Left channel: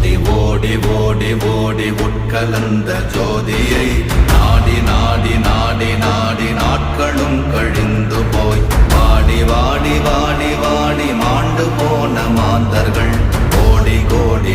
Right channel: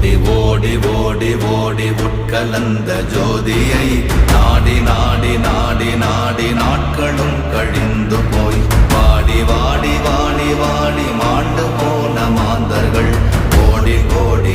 ஓடி ஓடி ஓடி ஓடி உட்கலந்த ஜோதியை நாடி நாடி நாடி நாடி நாட்களும் கழிந்து போய் வாடி வாடி வாடி வாடி மாண்டு போன மாந்தர்கள் கோடி கோடி